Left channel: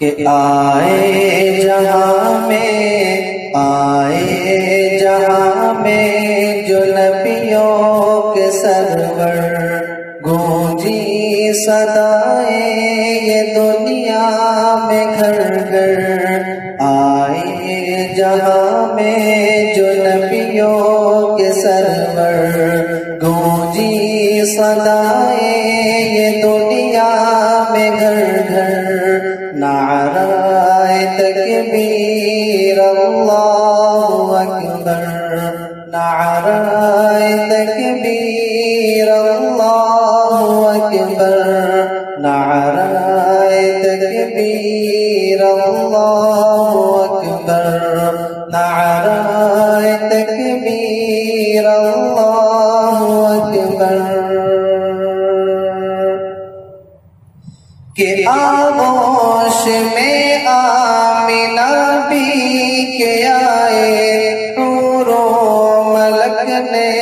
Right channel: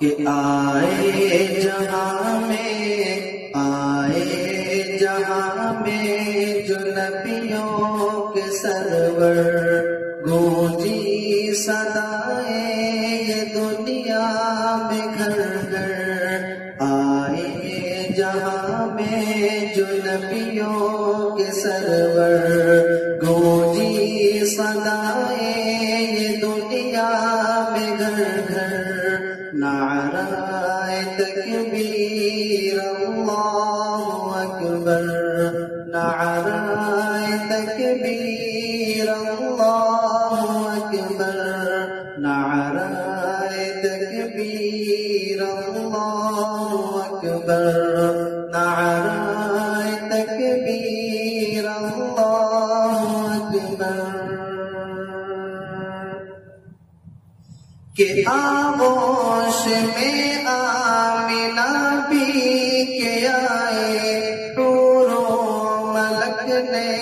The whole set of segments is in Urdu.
کہ آئے جہاں میں جو نبیوں کے سرور، گونجی صدائیں یہ دنیا میں گھر گھر، آئے جہاں میں جو نبیوں کے سرور، گونجی صدائیں یہ دنیا میں گھر گھر، نعرہ تکبیر اللہ اکبر، نعرہ تکبیر اللہ اکبر، نعرہ تکبیر اللہ اکبر، نعرہ تکبیر اللہ اکبر۔ کہ آغوش میں آمنہ بھی کے آئے، حور و ملک نے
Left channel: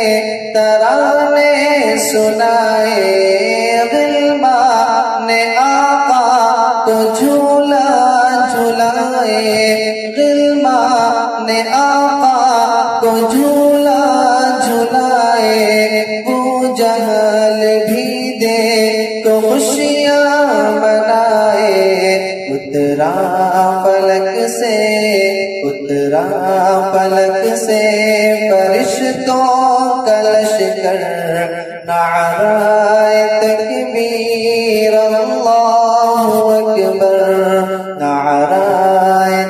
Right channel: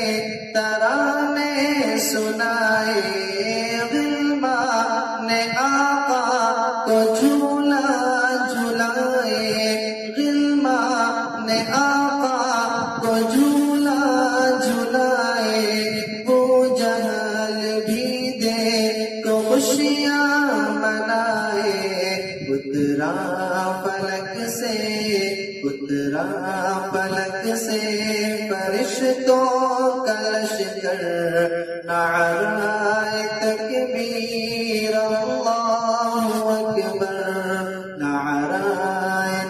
ترانے سنائے، غلمان نے آقا کو جھولا جھلائے، غلمان نے آقا کو جھولا جھلائے، وہ جہل بھی دے تو خوشیاں اترا فلک سے فرشتوں کا لشکر، نعرہ تکبیر اللہ اکبر، نعرہ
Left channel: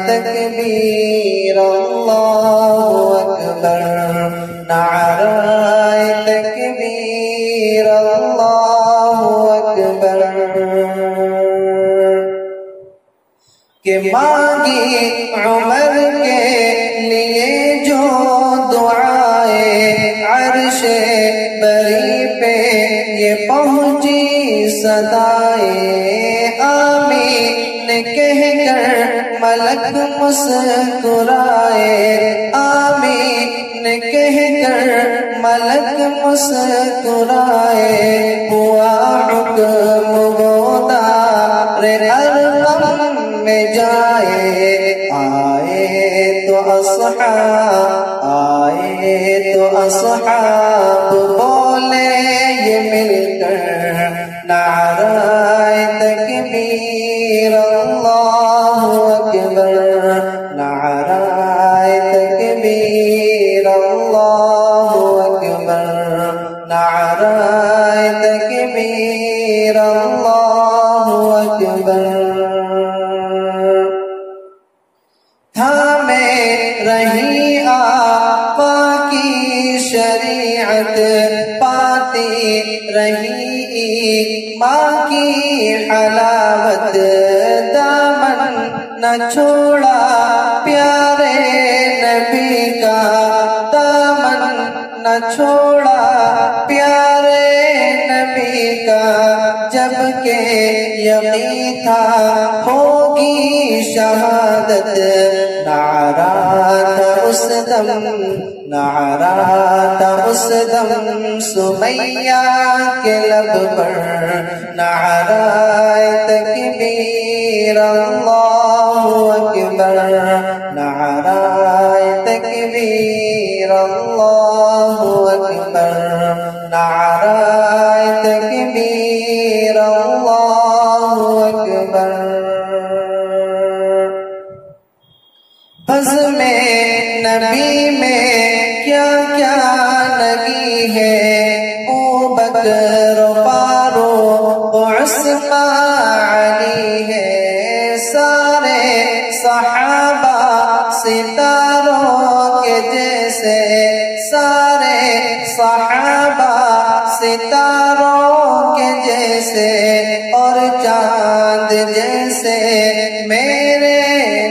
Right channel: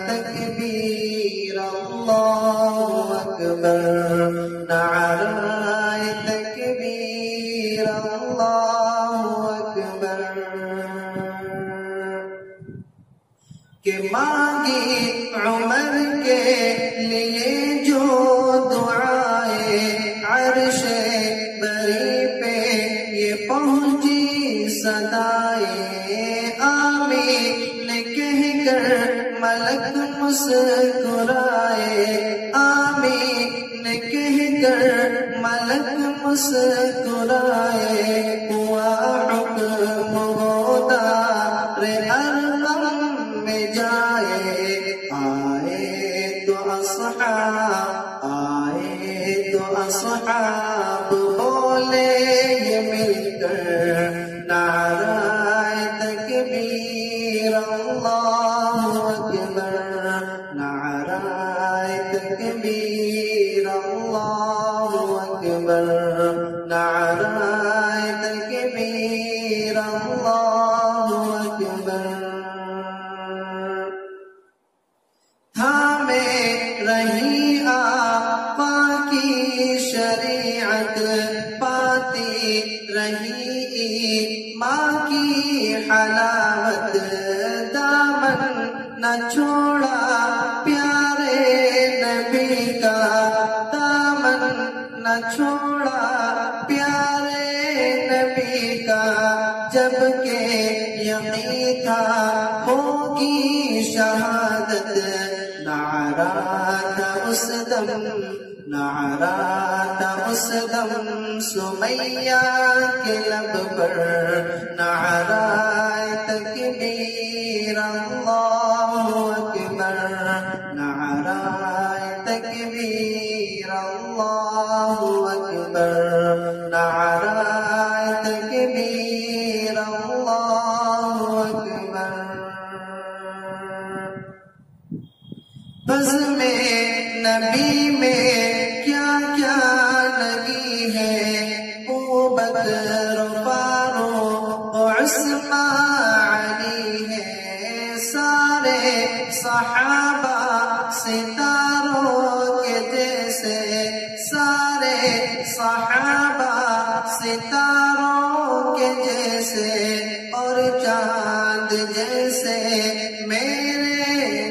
تکبیر اللہ اکبر، نعرہ تکبیر اللہ اکبر۔ کہ مانگی عمر کے لیے جو دعائیں، عرش بری پہ یہ پہنچی صدائیں، آمین کہہ کر ملک مسکرائے، آمین کہہ کر ملک مسکرائے، ہوا حکم گودار العلوم میں جائے، آئے تو اصحاب بولے یہ مل کر، نعرہ تکبیر اللہ اکبر، نعرہ تکبیر اللہ اکبر، نعرہ تکبیر اللہ اکبر۔ رہی آقا کی شریعت، پاتی رہی ماں کی حلاوت، دامن نہ چھوڑا پیارے نبی کا، دامن نہ چھوڑا پیارے نبی کا، جبکہ یقین تھا ہوگی شہادت، نعرہ تھا اس دم سمیہ کے لب پر، نعرہ تکبیر اللہ اکبر، نعرہ تکبیر اللہ اکبر، نعرہ تکبیر اللہ اکبر۔ بزم نبی میں کیا کیا لگی ہے، او بکر و فاروق و عثمان علی ہے، سارے صحابہ ستاروں کے جیسے، سارے صحابہ ستاروں کے جیسے، اور چاند جیسے میرے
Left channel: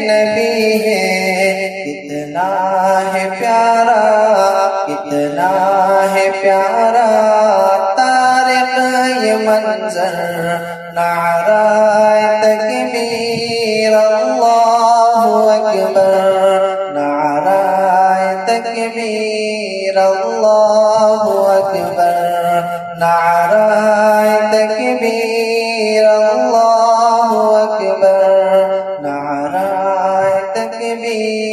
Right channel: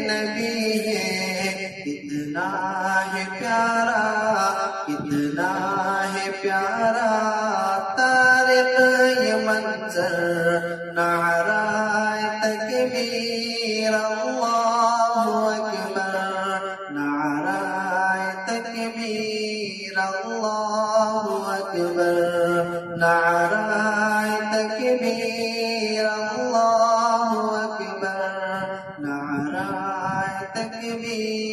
نبی ہے، کتنا ہے پیارا، کتنا ہے پیارا طارق یہ منظر، نعرہ تکبیر اللہ اکبر، نعرہ تکبیر اللہ اکبر، نعرہ تکبیر اللہ اکبر، تکبیر